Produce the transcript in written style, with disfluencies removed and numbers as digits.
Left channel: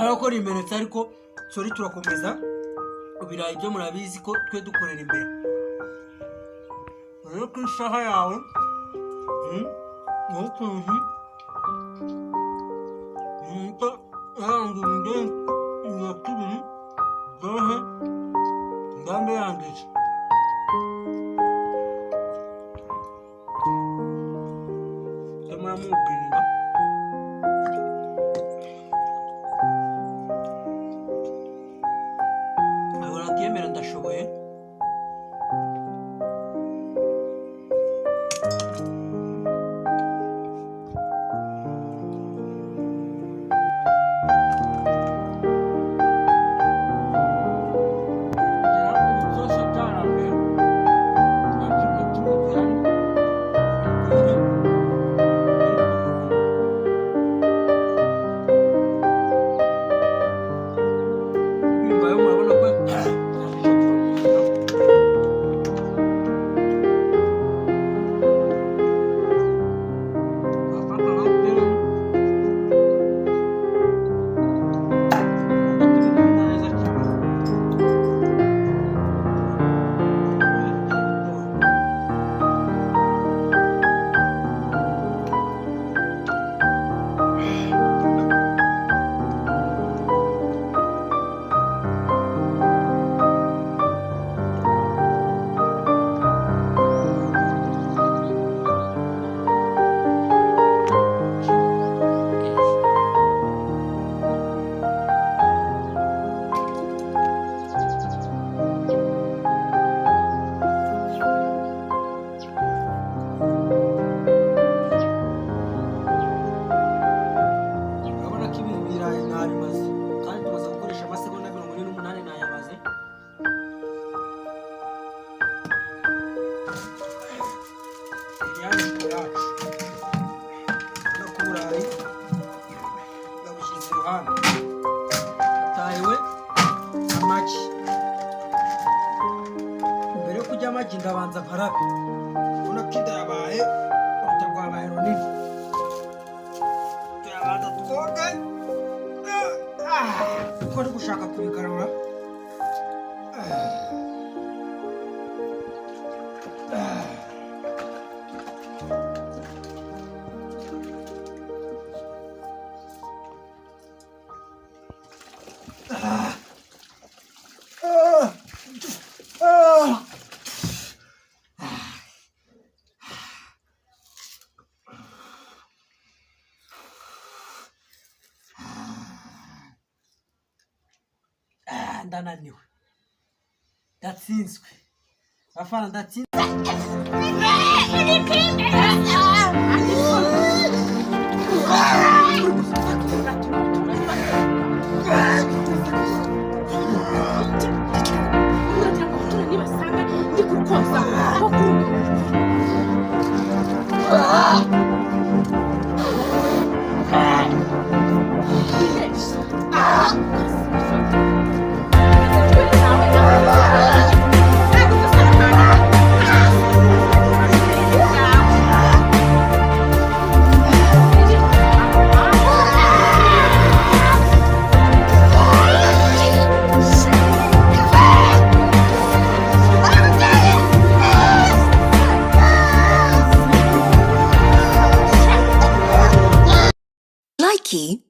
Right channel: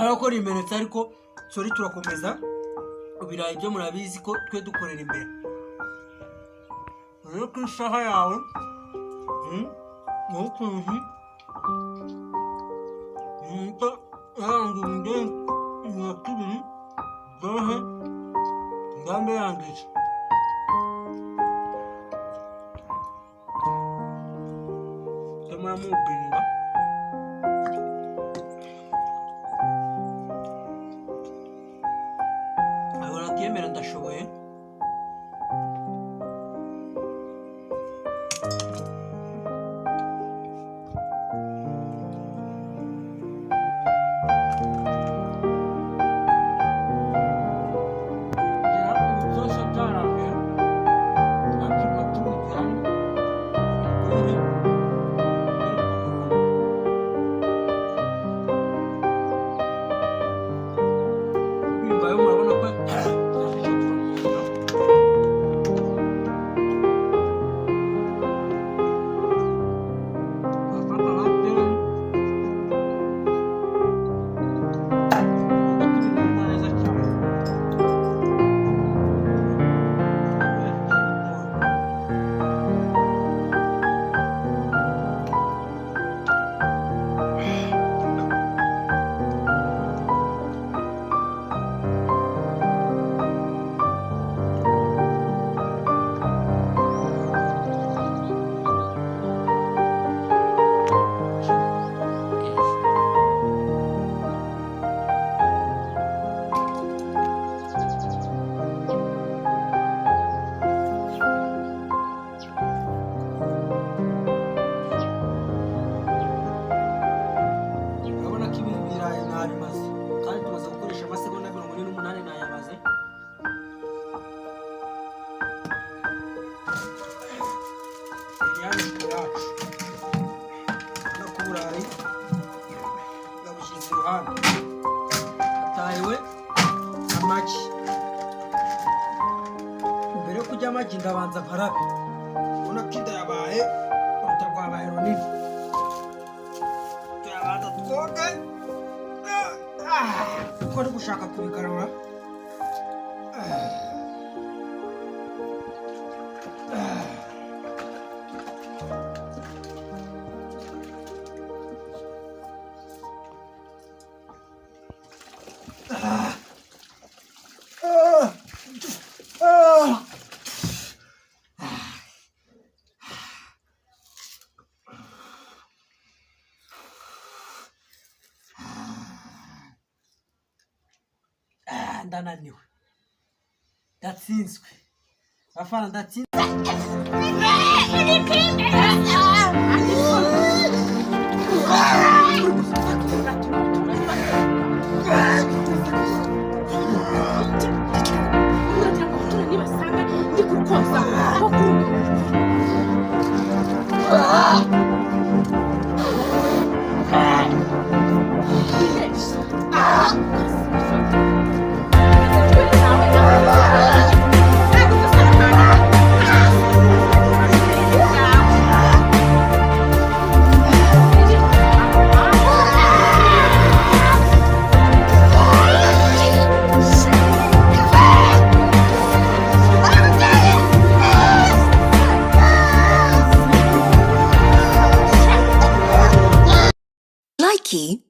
arakora imenetse ariko sori turakomeza ibirayi byo murabizi ko twe dukorera imbere rero ku isaha yawe n'ukuntu nta yarangije iya kabiri dohe ngambe yangije kamara mubinga ahora kiyemera ndashoboye murabona ko nabimaze kandi tumaze gukoresha amasegonda 48 nayabaze yacu no ku burayi yabushyize iruhande atahiwe amagi mbere yo kurya amagi ndabanza nkarabe ubona ko inda yabaye uruta rwabaye runini tuyabanza twoge uko ari gushaka kubigarura ndananiwe ndatsinzwe afana ndatsinzwe Key